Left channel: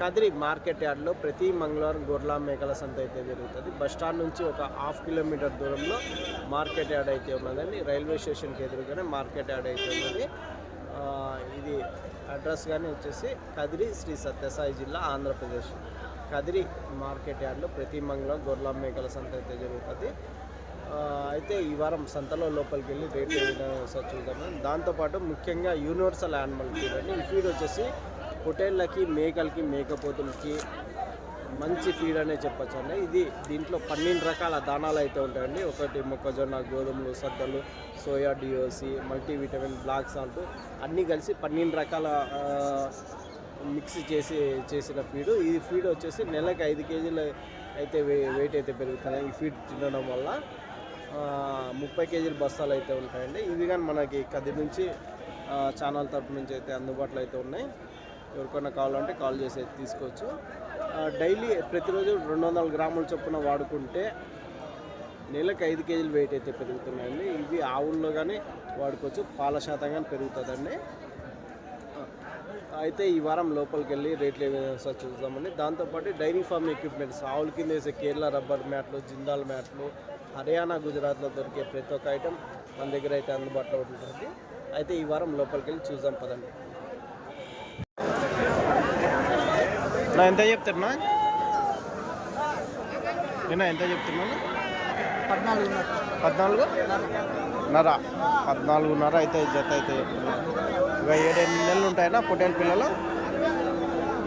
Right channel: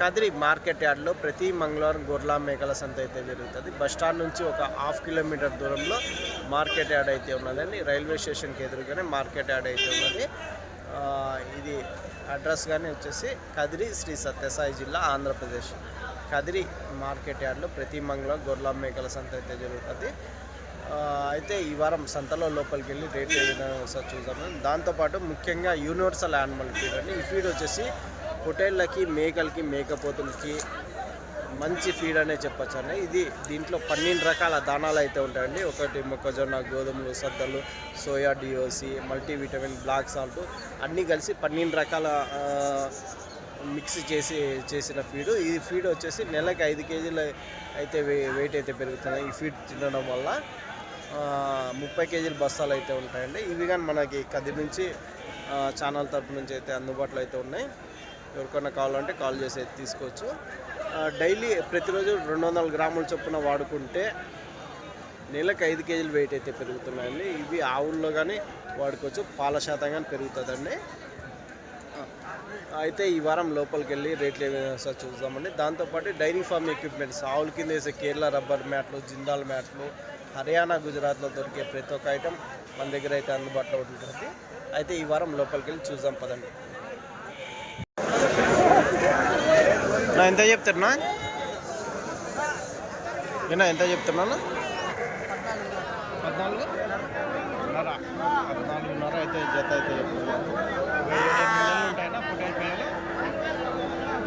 Kadiri market యార్డ్లో ప్రతి మంగళవారం గొర్రెల మేకల సంత అయితే జరుగుతుంది. బస్ స్టాండ్ నుంచి ఒక హాఫ్ కిలోమీటర్ దూరంలో మార్కెట్ యార్డ్ అయితే ఉన్నదండి. రైల్వే స్టేషన్కి ఎదురుగానే మార్కెట్ యార్డ్ అయితే ఉన్నది. ఇది అడ్రస్ కానీ వచ్చేసి కదిరి శ్రీ సత్యసాయి జిల్లా ఆంధ్రప్రదేశ్. కదిరి మార్కెట్ యార్డ్లో ప్రతి మంగళవారం గొర్రెల మేకల సంత అయితే జరుగుతుంది. అయితే ఈ వారం సంతలో లోపలికి వెళ్ళి రేట్లు ఏ విధంగా చూద్దాం. దాంతోపాటు ముఖ్యంగా యూనివర్సల్ యానిమల్ ఫీడ్ అండి. ఈ ఫీడ్ వచ్చేసి పొటేళ్ళకి మేకలకి మేకపోతులకి మంచి ఫీడ్ అనే చెప్పచ్చు అండి. ఇది దీంట్లో పన్నెండు రకాల దానాలు అయితే ఉంటాయండి. ఒకటి మొక్కజొన్న గోధుమలు సద్దలు soya DOC multivitamin black salt అన్నీ కలిసి పన్నెండు రకాల మిక్స్ చేసి చేసిన ఫీడ్ ఈ ఫీడ్ వచ్చేసి నెలకి ఐదు కేజీలు అయితే వే- వెయిట్ అయితే పెరుగుతుంది. ఈ ఫీడ్ తినడం వల్ల ముప్పై కేజీల బస్తాలు అయితే ఉంటాయండి. ఇవి కానీ మనకి కది నుంచి ఛానల్ తరపు నుంచి అయితే అందుబాటులో అయితే ఉన్నాయి. ఎవరికైనా కావాలంటే కాల్ చేసి అయితే తీసుకోవచ్చు డైలీ ప్రతిరోజు రెండు వందల గ్రాముల చొప్పున వాడుకుంటే నెలకు ఐదు కేజీలు వెయిట్ అయితే పెరుగుతున్నాయండి. ఇవి ఆవుల్లో కానీ వాడుకోవచ్చు పాల శాతం కానీ పెరుగుతుందండి. అయితే ఈ వారం లోపలికి వెళ్ళి రేట్లు ఏమైనా చూద్దామండి. దాంతోపాటు డైరీ ఫార్మ్ ఎక్విప్మెంట్స్ ఆవుల కింద వేసే కేరళ రబ్బర్ మ్యాట్లు జిందాల్ మ్యాట్లు హర్యానా గుజరాత్లో దొరికే ప్రతి ఒక్క ఐటెం మన దగ్గర అయితే అందుబాటులో ఉంటుంది అయితే ఈ వారం లోపలికి వెళ్ళి చూద్దాం పదండి. నా ఎంత చెప్తున్నా నేను ఎంత చెప్తున్నాను పద్నాలుగు. నర. పద్నాలుగున్నర అయితే జత అయితే చెప్తున్నాను ఇక ఏడెనిమిది నెలలు ఉంటాయన్నా పొటేల్ పిల్లలు.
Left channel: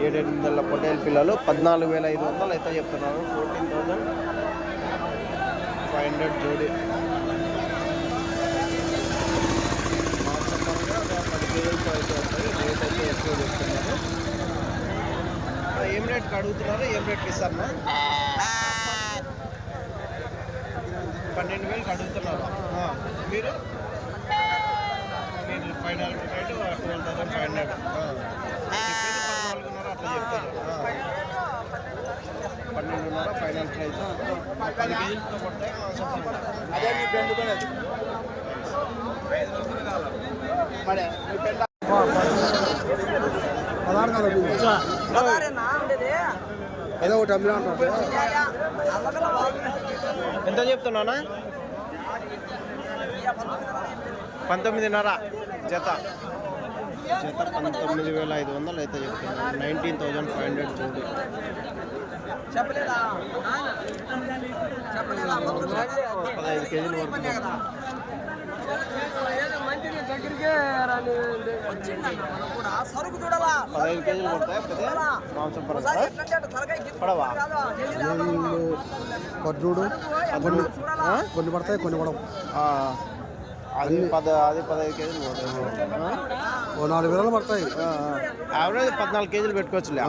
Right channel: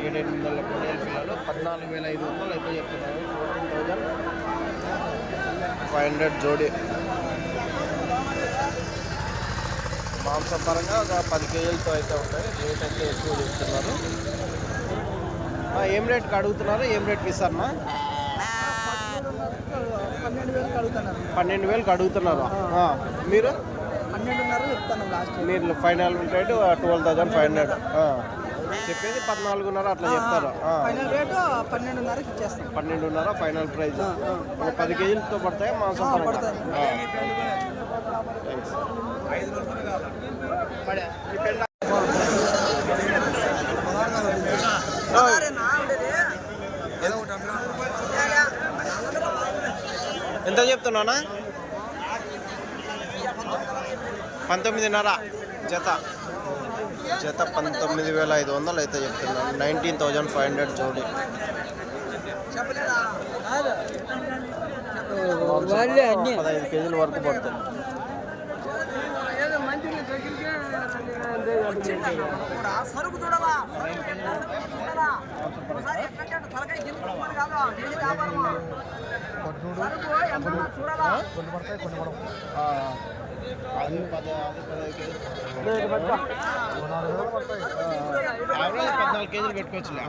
ఏడెనిమిది నెలల పొటేల్ పిల్లలు. పద్నాలుగు వేల ఐదు వందలు అయితే చెప్తున్నారు. ఫోర్టీన్ థౌజండ్ ఫైవ్ హండ్రెడ్ జోడి. మాంసపరంగా ఒక పది కేజీలతో అయితే ఉంటాయి. రేట్ అయితే ఎక్కువ చెప్తున్నారు. ఏం రేట్కి అడుగుతున్నారు? ఏం రేట్కి ఇస్తారన్నా పన్నెండు వేలకు అడుగుతున్నారు. మీరు? మీరు final rate twelve thousand five hundred. చెప్పేది పద్నాలుగున్నర అట్లా చెప్తారు. పన్నెండున్నర ఫైనల్ ఒక పది కేజీలతో పడతాయి మాంసం పరంగా. ఓయ్. ఎంత చెప్తున్నానా పంతొమ్మిదిన్నర జత. జత పంతొమ్మిది వేల ఐదు వందలు అయితే చెప్తున్నాను. నైన్టీన్ థౌజండ్ ఫైవ్ హండ్రెడ్ జోడి. పదహైదు కేజీల వరకు పడుతుంది. కొన్ని పడతాయి కొన్ని పడవు. అది పద అది పదహైదు కేజీలు? ఓ నాలుగు వేలు పడతాయి. యావరేజ్ పద్నాలుగు కేజీలు పెట్టుకోవచ్చులే.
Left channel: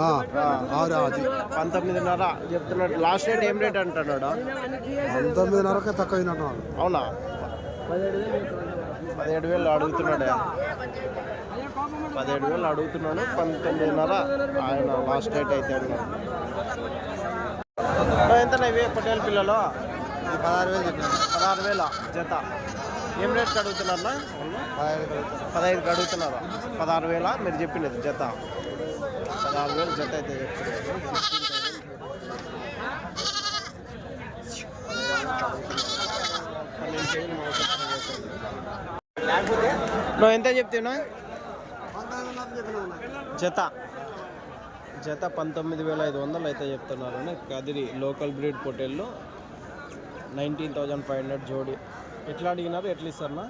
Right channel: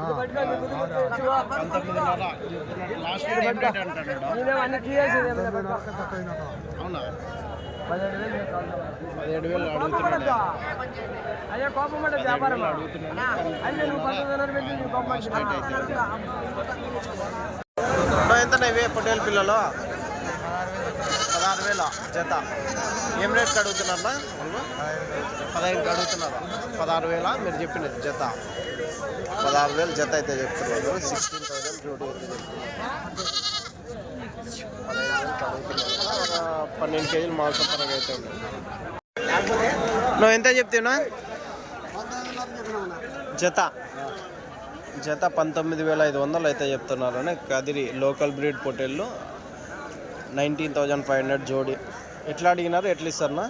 పంతొమ్మిదిన్నర చెప్తున్నాడు. లాస్ట్ రేట్ ఏం రేట్ అంటున్నాడు తొమ్మిదిన్నరకే తక్కువ అవునా? పదిహేడు వేలు అడుగుతున్నాడే. పదిహేడు వేలు అడుగుతున్నాడు పంతొమ్మిదిన్నర ఆయన లాస్ట్ రేట్ అయితే ఎంత ఇవే పొట్టేలు పిల్లలు? పదహారు వేల జత. ఏం రేట్కి అడుగుతున్నారా వాళ్ళు? పదహైదుకి అడుగుతున్నారు? పదహారు వేల? మీరు చెప్పినది జత. పదహారు వేలు జత అయితే చెప్తున్నారు. సిక్స్టీన్ థౌసండ్ జోడి అయితే చెప్తున్నారు. పదహైదు పన్నెండు కేజీలు మాంసం పరంగా అయితే నువ్వు ఎంత చెప్తున్నా? జత. జత పంతొమ్మిది వేల ఐదు వందలు అయితే చెప్తున్నారు. కదిరి లోకల్ బ్రీడ్ పొటేళ్ళు నైన్టీన్ థౌజండ్ ఫైవ్ హండ్రెడ్ జోడి. ఎట్లా అడిగినారు? ఎట్లా ఇస్తారన్నా?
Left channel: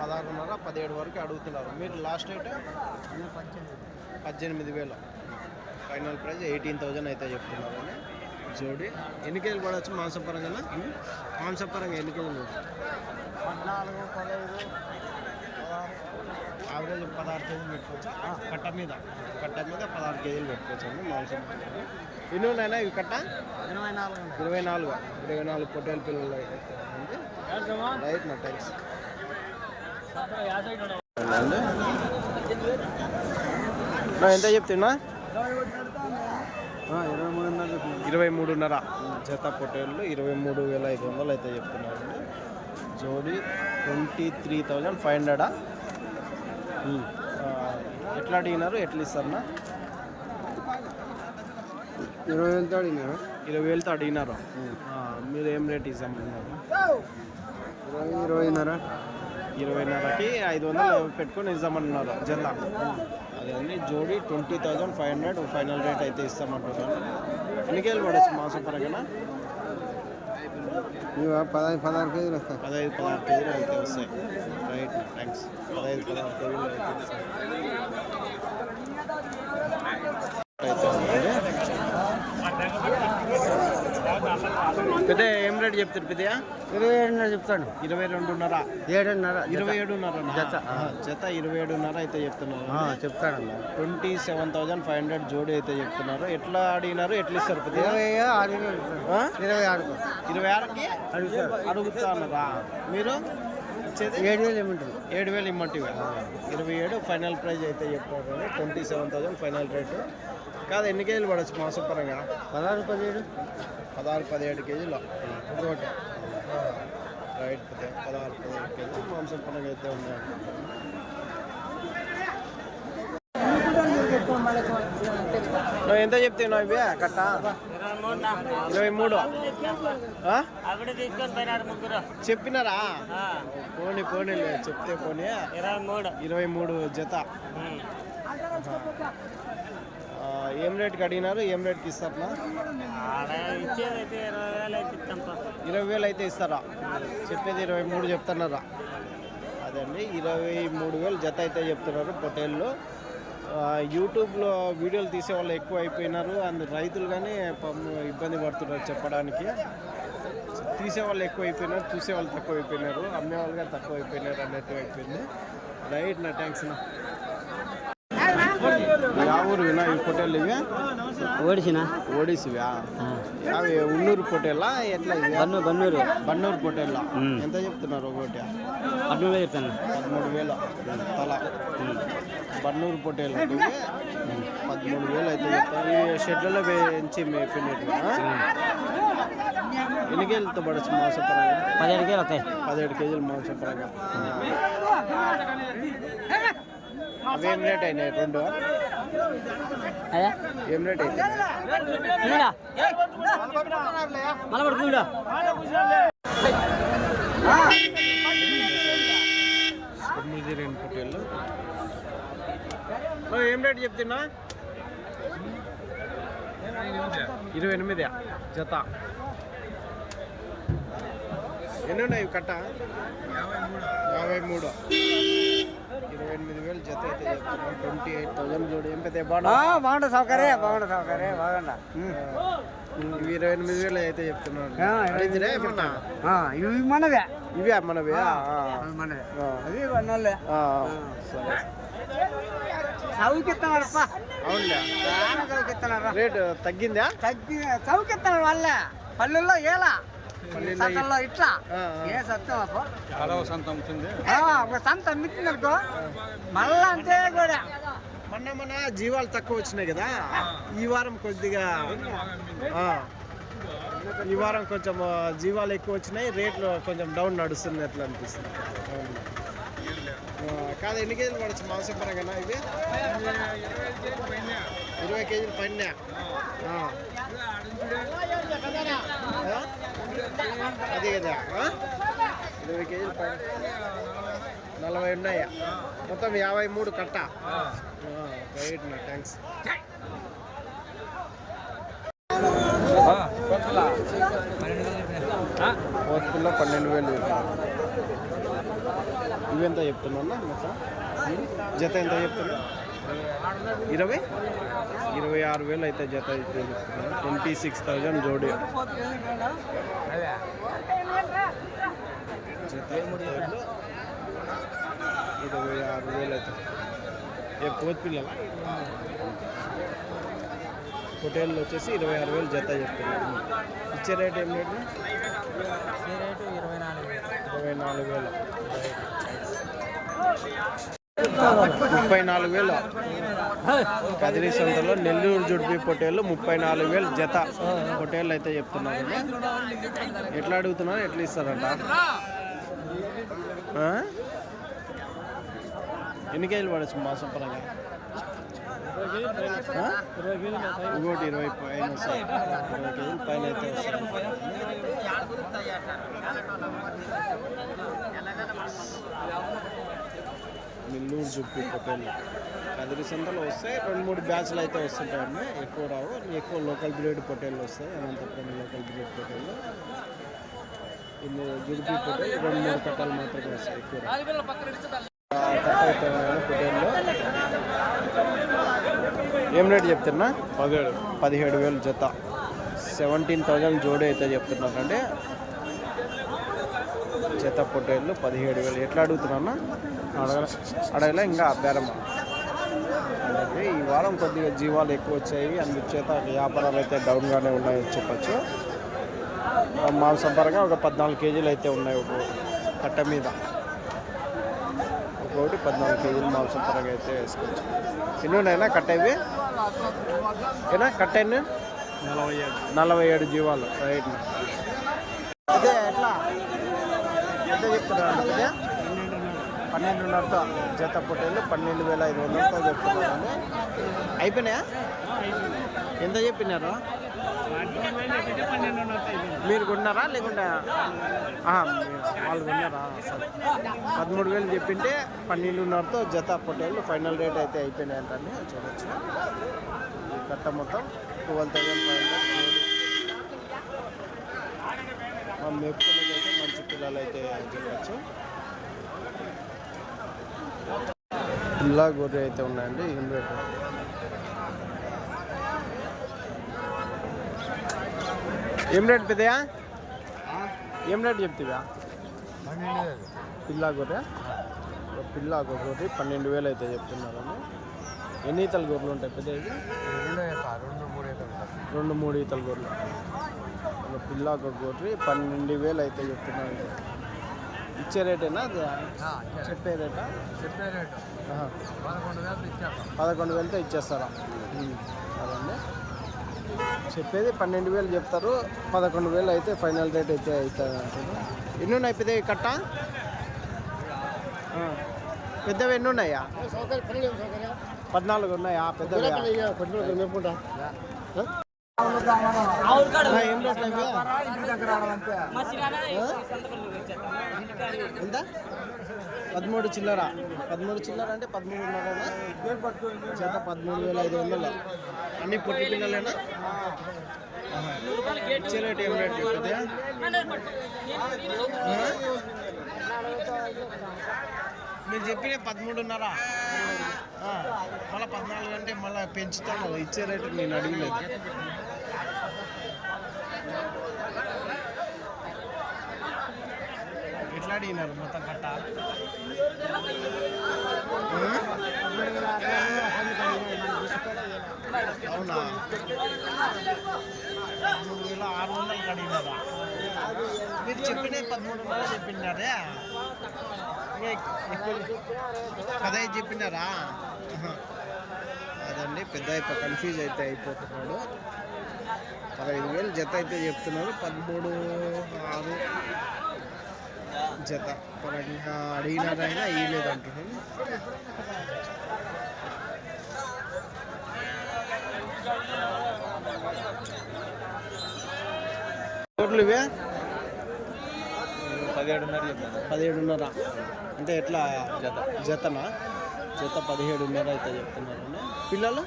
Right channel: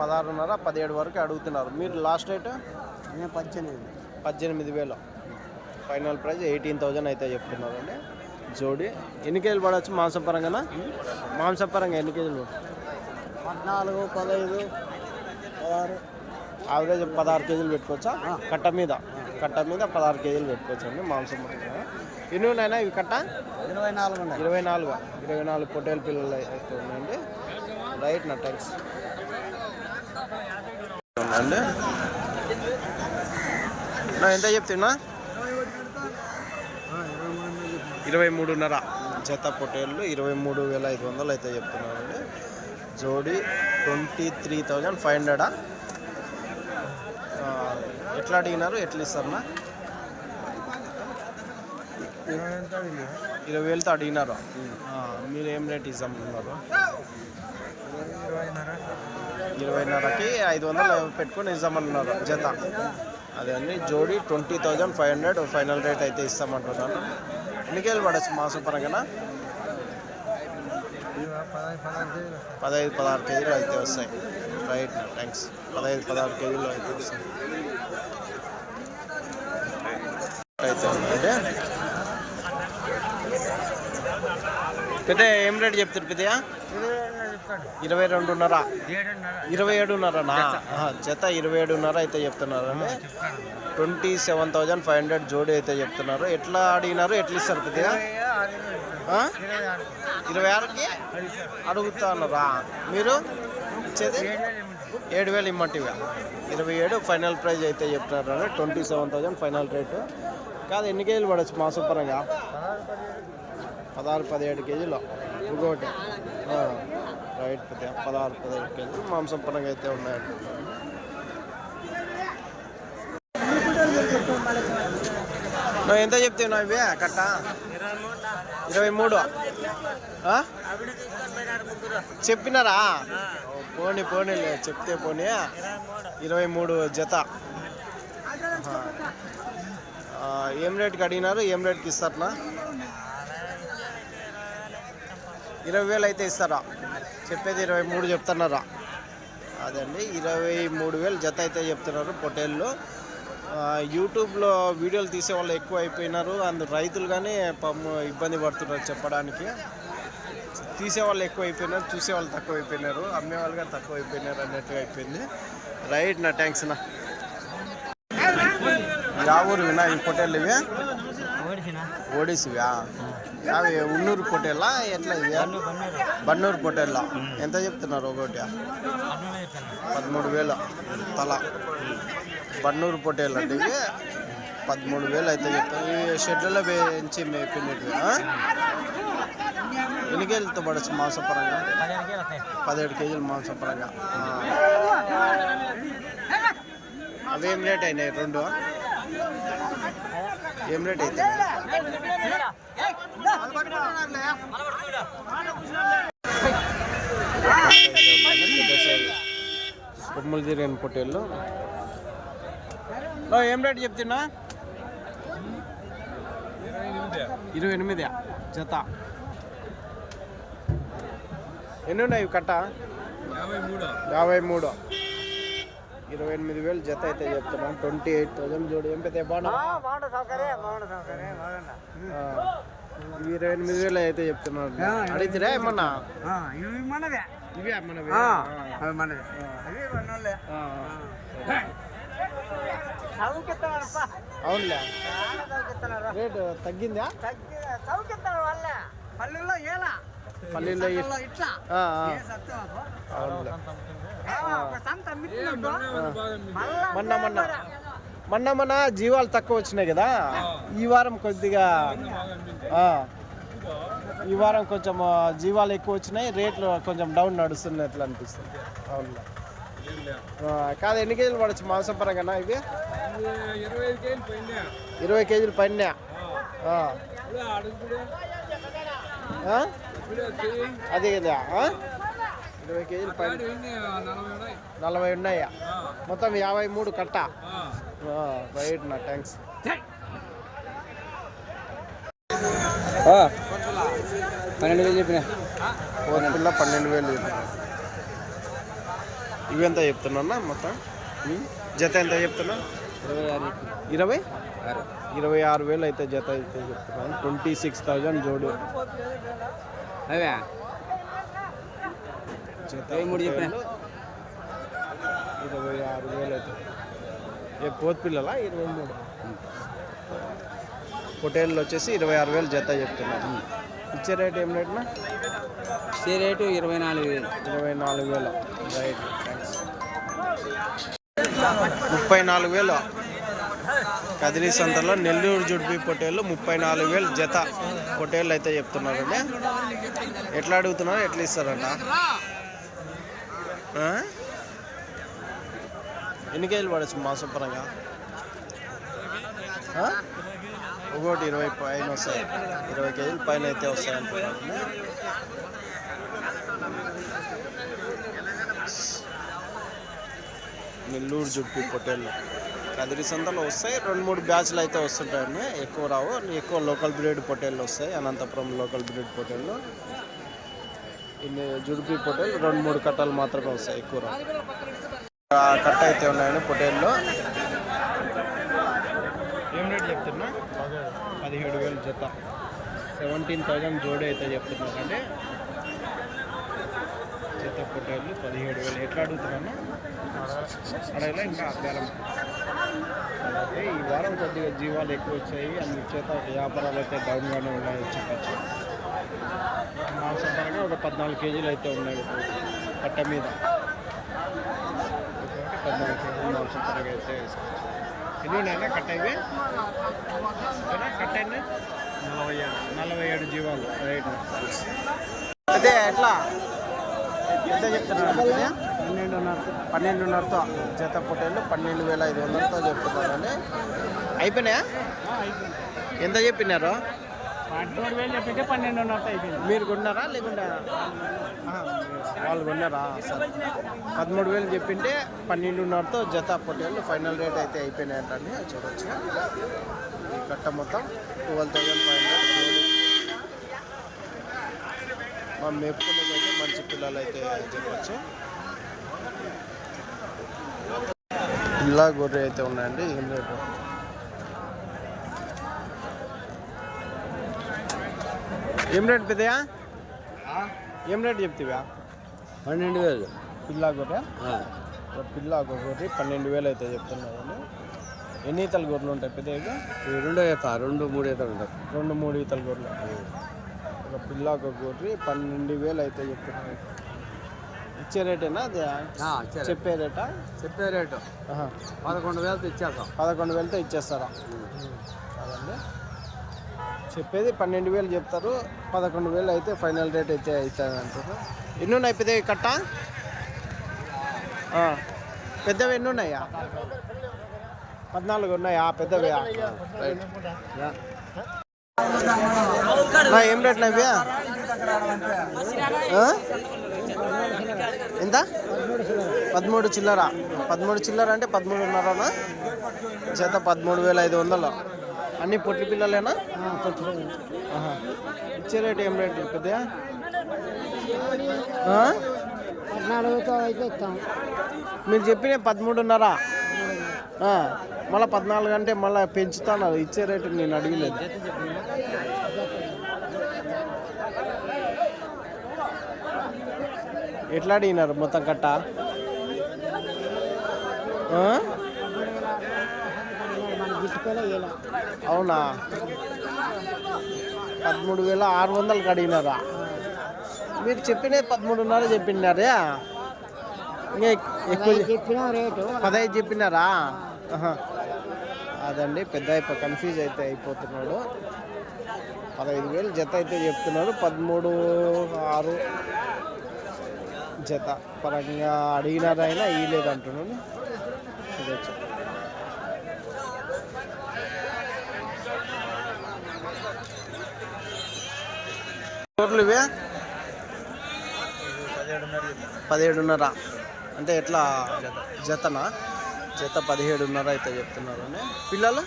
పదహారున్నర పదిహేడు వరకు అడుగుతున్నారు. మీరు లాస్ట్ రేట్? నేను పద్దెనిమిది. పద్దెనిమిది వేలు. ఫైనల్ ప్రైస్ ఎయిటీన్ థౌజండ్ అయితే చెప్తున్నారండి. జోడి. ఎన్ని కేజీలు పడవచ్చు మాంసం పరంగా మాంసం పరంగా ఎన్ని కేజీలు? పద్నాలుగు పదహైదు పదహారు. యావరేజ్ పదహారు కేజీలు పెట్టుకోవచ్చా? కట్ట మీద. కట్ట మీద పదహారు కేజీలు పెట్టుకోవచ్చు అండి మాంసం ఎన్ని ఉన్నాయినా ఇవి కట్ట? ఇరవై నాలుగు ఇరవై నాలుగు. ఇరవై నాలుగు పొట్టేలు పిల్లలు అయితే ఉన్నాయండి. రైట్ నా థ్యాంక్స్ నా ఎంత చెప్తున్నా ఆ, ఇరవై మూడు ఉన్నాయి చెప్పిన. ఇరవై మూడున్నర. జత పొట్టేళ్ళు ఇరవై మూడు వేల ఐదు వందలు అయితే చెప్తున్నారండి. జోడి ట్వంటీ త్రీ థౌజండ్ ఫైవ్ హండ్రెడా? ఎట్లా అడిగినారు ఎట్లా ఇస్తారన్నా ఇరవై వేలతో అడిగినారు? ఇరవై వేలతో అడిగినారు? మీరు ఏం రేట్ ఇస్తామన్నారు ఇరవై ఇరవైన్నర. ఇరవైన్నరకి ఐదు వందలు పెట్టుకొని ఇస్తామన్నారు జత? అదే అండి జోడి twenty thousand five hundred final rate అయితే ఇస్తామంటున్నాను. ఎన్ని కేజీలు పడచ్చు మాసం పరంగా పదహైదు పదహారు కేజీలు అయితే వస్తాయి. రైట్ నా థ్యాంక్స్ పదహైదు పదహారు కేజీలు అయితే వస్తాయి. అయితే ఉందండి పెద్ద ఏం రేట్ చెప్తారు పెద్దయా ఇరవై రెండున్నర? ఏడున్నర. ఇరవై ఏడున్నరనా? జత ఇరవై ఏడున్నర అయితే చెప్తున్నారు twenty seven thousand five hundred జోడి అయితే చెప్తున్నారు. ఎట్లా అడిగినారు ఎట్లా ఇస్తారు పెద్దగా ఆ? ఇరవై ఆరు ఇరవై ఆరుకి? అడుగుతా ఉన్నారా మీరు? ఏడు వేలు ఇమ్మంటివి. ఇరవై ఏడు ఫైనల్ ప్రైజ్ అయితే చెప్తున్నారు twenty seven thousand final rate. కాదు ఎన్ని కేజీలు పడవచ్చు మాసం పరంగా పదహారు పదిహేడు కేజీలు. ఇంకొకటి. రైట్ పదహారు పదిహేడు కేజీలు. మాంసం పరంగా అయితే ఉన్నాయనుకుంటాను నువ్వు ఎంత చెప్తావు నా ఇవి? కట్ట? ఇరవై మూడు. చెప్పినారా? పోనీ పోనీ పోనీలే చెప్తే పోనీ. ఇరవై మూడు జత. ఏం రేట్కి అడిగినారు? ఏం రేట్కి ఇస్తారనా ఇరవై వేలు అయితే ఇస్తారా? చెప్పేది ఇరవై మూడు చెప్తున్నారా? అదండి ఇరవై మూడు వేలు జత అయితే చెప్తున్నారు పొటేళ్ళు యూట్యూబ్లో వీడియోలు తీసే వాళ్ళు ఎక్కువ అయిపోయినారు అందు రైతులు కానీ ఇబ్బంది పడుతున్నారు చెప్పడానికి. తీసేవాళ్ళు ఎక్కువ అయిపోయినారు చూసేవాళ్ళు తక్కువ అయిపోయినారు అమ్మేవాళ్ళు కానీ తక్కువ అయిపోయినారు అన్నట్టుగా అయిపోయింది. రైట్ నా థ్యాంక్స్ నా వినా ఈ పొటేళ్ళు ఇవి ఓడిసిన ఓడిసివా యావి ఉన్నూరు పొటేళ్ళా ఎట్లా ఇవి బన్నూరు బన్నూరు పొటేళ్ళ ఎంత చెప్తున్నారు ఒకటి పదమూడు వేలు తల బన్నూరు పొటేళ్ళు అంటే ఇవి పదమూడు వేలు అయితే చెప్తాను ఈ షెడ్లలో పెంచి మేపినట్టుగా ఎన్ని కేజీలతో పడచ్చు మాంసపరంగా పదిహేడు కేజీలు మాంసపరంగా ఆ. అవేం రేట్ అయినాయి రెండు ఏం రేట్ అయితే? కొమ్ములు తిరిగిన పొట్టేళ్ళు. ఏం రేట్ చెప్తున్నా? ఇరవై ఎనిమిది జత. ఎన్ని ఉన్నాయి కట్ట? యాభై మూడు. ఇరవై ఎనిమిది వేలు జత అయితే చెప్తున్నాం ట్వంటీ ఎయిట్ థౌజండ్ చూడు ఏం పెద్ద బాగుంటుంది సౌకర్యం బాగుంటుంది సౌకర్యం బాగుండా. ఇవి ఇరవై ఎనిమిది వేలు అయితే ఇరవై అడిగితే ఏమన్నా? ఇవి మనవే. ఇవే మనవి? మనవే. సరే. అవునులే. రేటు తగ్గిందా? తగ్గి చౌకెత్తున్నాడు వాళ్ళే. పల్లెల్లో ఏలా? పల్లీలో ఇట్లా. మొన్న మన జీవాలు తక్కువ వచ్చినాయి కదా? ఈ వారం కొద్దిగా ఆ, ఈ వారం కొంచెం జీవాలు ఎక్కువ వచ్చినాయి. రేట్లు కొంచెం డౌన్ నడుస్తున్నట్లు అనిపిస్తుంది. అవును కాదు ఎన్ని కేజీలు పడచ్చు మాంసం పరంగా ఇవి? ఇరవై కేజీలు పైన. అదే కదా ఇరవై కేజీలు పైన. నలభై ఉన్నాయా? మొత్తం యాభై మూడు కట్ట? రైట్ నా థ్యాంక్స్ పన్నెండు వేలు చెప్పిన? ఫోర్ పిల్ల పన్నెండు వేలు చెప్పిన. ఇవెంత చెప్తున్నా మొత్తం? జత ఎంత చెప్తున్నా? ఇరవై? ఇరవై ఆరు వేలు అయితే జత అయితే చెప్తున్నాను ట్వంటీ సిక్స్ థౌజండ్ జోడి. ఇరవై ఆరు వేలు అయితే ఏ పోత్ పిల్లలా ఇరవై మూడు పొటేళ్ళు వచ్చేసి ఇరవై ఆరు వేలు జత చెప్తున్నారు ఇచ్చే రేట్ ఏం రేట్నా సీ రేటు ఇరవై నాలుగు వేలు ఇరవై నాలుగు వేలు రైట్ ముప్పై నాలుగు వేలు కదిరి సంతలో నెల్లూరు జుడిపి పొటేళ్ళు ముప్పై నాలుగు వేలు జత పొటేళ్ళు అయితే చెప్తున్నారండి ఎట్లా అడుగుతున్నారు? ఎట్లా ఇస్తారంట? ఎన్ని కేజీలు పడచ్చు మాసం పరంగా? ఒకటి ఇరవై పైన వస్తాయి. ఇరవై కేజీలు పైన అయితే వస్తాయి అంటున్నారు నెల్లూరు జుట్టు పొట్టేళ్ళు కదిరి సంతలో వస్తాయి. రెండు మూడు బ్యాచ్లు అయితే వస్తుంటాయండి. ఎక్కువ రావు. ఎక్కువ లోకల్ బ్రీడ్ పొట్టేళ్ళు వస్తాయి. అనంతపురం లోకల్ బ్రీడ్ పొట్టేళ్ళు ఇన్ని జుడిపి పొట్టేళ్ళు రెండు మూడు కట్టలు మాత్రమే వస్తాయి. ఎక్కువ రావు. కట్ట అయితే ఉన్నాయండి పొట్టేళ్ళు ఏం రేటు చెప్తున్నా? పదిహేడు. వేలు జత. సెవెంటీన్ థౌజండ్ జోడి అయితే చెప్తున్నారండి. జత పొట్టేళ్ళు పదిహేడు వేలు. ఎట్లా అడుగుతున్నా అడగలే. ఇంకా బేరం అలాగే ఈ వారం కొద్దిగా జీవాలు ఎక్కువ వచ్చాయి. అందుచేత వ్యాపారాలు అయితే డౌన్గానే ఉన్నాయి చెప్పచ్చు. మాంసం పరంగా ఒక పద్నాలుగు కేజీలు అయితే ఉన్నాయి ఒక కట్ట మీద. ఒక్కొక్కటి పద్నాలుగు కేజీలు మాంసం పరంగా అయితే వేసుకోవచ్చు. ఎన్ని ఉన్నాయినా కట్ట ఇవి? ఏనా కట్ట ఎన్ని? నలభై ఏడు. నలభై ఏడు జీవాలు. రైట్. అయితే ఎట్లా? ఎంత చెప్తున్నారు అంటే పన్నెండున్నరతో జత పొట్టేళ్ళు పన్నెండు వేల ఐదు వందలతో చెప్తున్నారు అండి అయిపోయినాయా. ఎంత చెప్పినారు? మీరు కొన్నారా మీరు- వాళ్ళు కొన్నారా? సరే. పదమూడు వేలు చెప్పింటే పన్నెండున్నరతో జత పొట్టేళ్ళు ఫైనల్ రేట్ అయితే అయిపోయినాయి అంటండి చూడొచ్చు. ఈ కట్ట మొత్తం ట్వెల్వ్ థౌజండ్ ఫైవ్ హండ్రెడ్ జోడి. మా మేపుకునేది అయితే మంచి పిల్లలు అయితే చెప్పచ్చు. పిల్ల గొర్రె అయితే ఉన్నాయండి ఏం రేటు? ఏం రేట్ పెద్దయా ఏం రేట్ చెప్తివా? పన్నెండు వేలు. పిల్ల గొర్రె? ఒక పిల్ల ఒక గొర్రె పన్నెండు వేలు అయితే చెప్తున్నారండి. ఎన్ని ఈతల గొర్రెలు ఉంటాయి పెద్ద ఇవి? రెండో రెండు మూడు ఈత ఉంటాయి. రెండు మూడు ఈతల గొర్రెలు. ఒక పిల్ల ఒక గొర్రె పన్నెండు వేలు అయితే చెప్తున్నారు ఇచ్చే రేటేనా అది చెప్పే రేటా చెప్పే రేటు. పదకొండు వేలతో ఇచ్చేస్తాం. పదకొండు వేలతో ఇచ్చేస్తారా? సరే చెప్పేది పన్నెండు వేలు చెప్తారు పదకొండు వేలు అయితే ఫైనల్ రేట్ అయితే అవుతుంది అంటారు ఎన్ని ఉన్నాయి పెద్దవి కట్ట? ఆ. పెద్దవి ఎన్ని ఉన్నాయా పద్నాలుగు ఉన్నాయా? పెద్దవి. నా ఏం రేట్లు అవి? ఎంత? పదమూడు చిల్లర. పదమూడు చిల్లర అంటే పదమూడున్నరనా? చేత పదమూడు వేల ఐదు వందలు అన్ని పొట్టి పిల్లలేనా? ఇచ్చే రేట్ ఏం రేటు పెద్దయా మీరు చెప్పిన పదమూడున్నర. మళ్ళీ పద్నాలుగు అంటే మళ్ళీ పెంచుతాను ఇచ్చే రేటు నేను అడిగలేదు. ఎట్లా అడిగినారు మొత్తం కట్ట. అవునా? పదమూడు వేల ఆరు వందలకి అడిగినారా మీరు చెప్పిన పదమూడున్నర చెప్పినారా. ఇంకా ఎక్కువ పదహైదు చెప్పినారా. అదండి పెద్ద కన్ఫ్యూజ్ అయితే అయిపోతున్నాడు. పదహైదు వేలు జత అయితే చెప్తున్నారు. పదమూడు ఆరు జత పరంగా అడిగినారైనా ఇయ్యలేదు అంటున్నాను చూడొచ్చు టోటల్ ఇవే? పదిహేడున్నర. అంటే ఎట్లా? జతనా? జత పదిహేడున్నర అయితే చెప్తున్నారు పిల్లలు?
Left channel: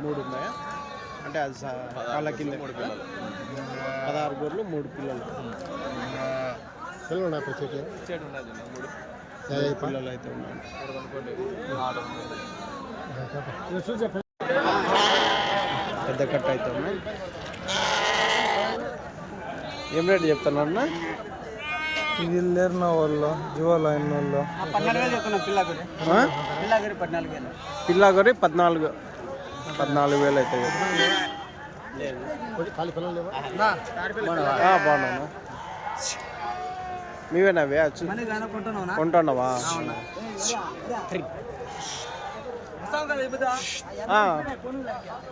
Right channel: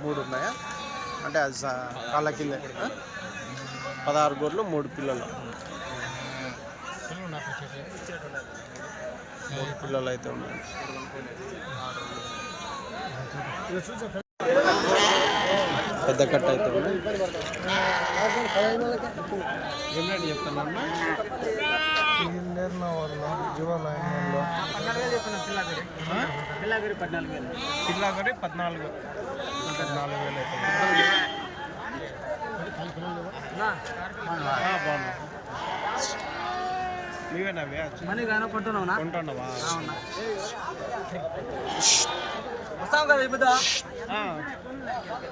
మూడు ఉన్నాయా అంటే అది సా- కాళ్ళ కింద. పదహారు గోర్లు మూడు పిల్లలు. మూడు పిల్లలు అయితే ఉన్నాయి పెద్ద కట్ట అయితే ఉన్నాయి. ఏం రేటు? వీళ్ళేరు వాళ్ళు జువలైన్ వాళ్ళు చెప్తున్నాం ఆ? పిల్లకి పద్నాలుగు పిల్లాగొరి పద్నాలుగు. పద్నాలుగు వేలు అవుతాయి ఆ, బాగున్నాను. వస్తావు కదా వెళ్ళిపోతా ఆ.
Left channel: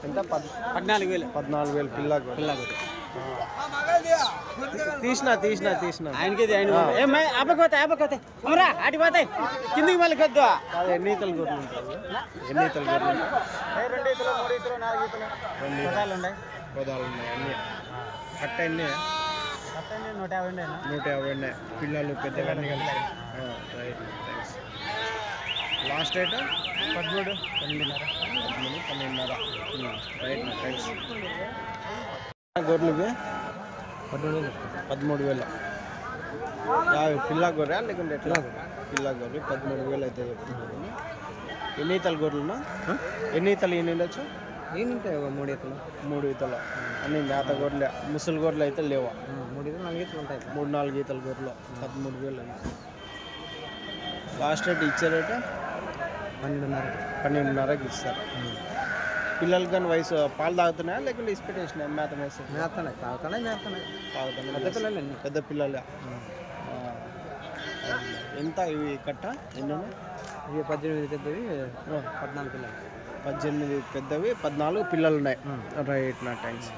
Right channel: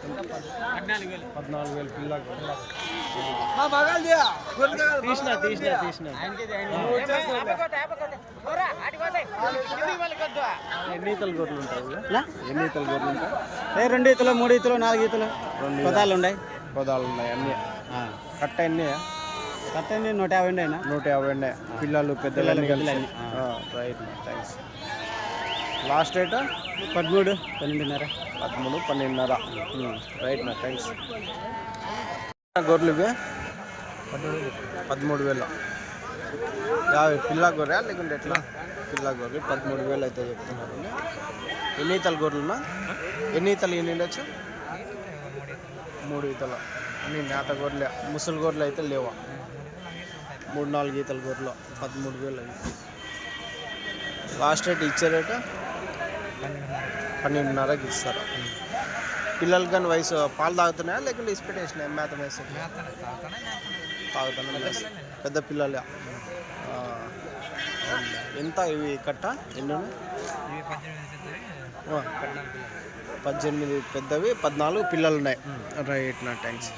ఎంత? పద్ పద్నాలుగు వేలు. పద్నాలుగు వేలు పిల్లాగొరి తీసిన తీసిన తీసిన. కిందికి మళ్ళీ కొద్దు ఎన్ని ఈతలు గొర్రెలు ఉంటాయి? ఎన్ని ఈతలు గొర్రెలు ఉంటాయి? రెండు ఈతలు మూడు ఈతలు నాలుగు ఈతలు. రెండు పదాలు ఉన్నాయి? పదాలు ఉన్నాయి అన్ని. కట్ట ఎన్ని? నూట యాభై నూట యాభై పిల్లలు పెద్దలన్నీ కలిసి. రైట్ థ్యాంక్స్ లాస్ట్ రేట్ పదమూడు పన్నెండున్నర. పదమూడు పన్నెండున్నర. రైట్ నా థ్యాంక్స్ గొర్రెలు ఇవి? పదమూడు వేలు. యాభై పిల్ల గొర్రె లేకుంటే ఎట్లా? పిల్ల గొర్రె పదమూడు వేలు అయితే చెప్తున్నారు. ఎన్ని ఈతలు గొర్రెలున్నా? ఎన్ని ఈతలు ఎన్ని ఉండొచ్చు? మూడు ఈతలు. మూడు ఈతలు. అన్ని మేత గొర్రెలే ముసలి గొర్రెలు అయితే లేవా? మూడు నాలుగు ఈతల గొర్రెలు. పదమూడు వేలు అవి. లాస్ట్ రేట్ ఇచ్చే రేటు? పన్నెండున్నర. పన్నెండున్నరకి ఇస్తారు. పిల్లలకి కానీ వయసు పాలు తాగుతున్నాయా? లేకుంటే ఇస్పెట్ వేసినాయి మేత వేసి చేస్తాను తాగుతానే చేస్తాను. తాగుతున్నా పెద్ద పిల్లలే. ఎంత ఇవి కట్ట? ఎన్ని ఉన్నాయి ఇవి పద్దెనిమిది పెద్దవి పద్నాలుగు పిల్లలు. పద్దెనిమిది పెద్దవి పద్నాలుగు పిల్లలు ఉన్నాయి రైట్ నా థ్యాంక్స్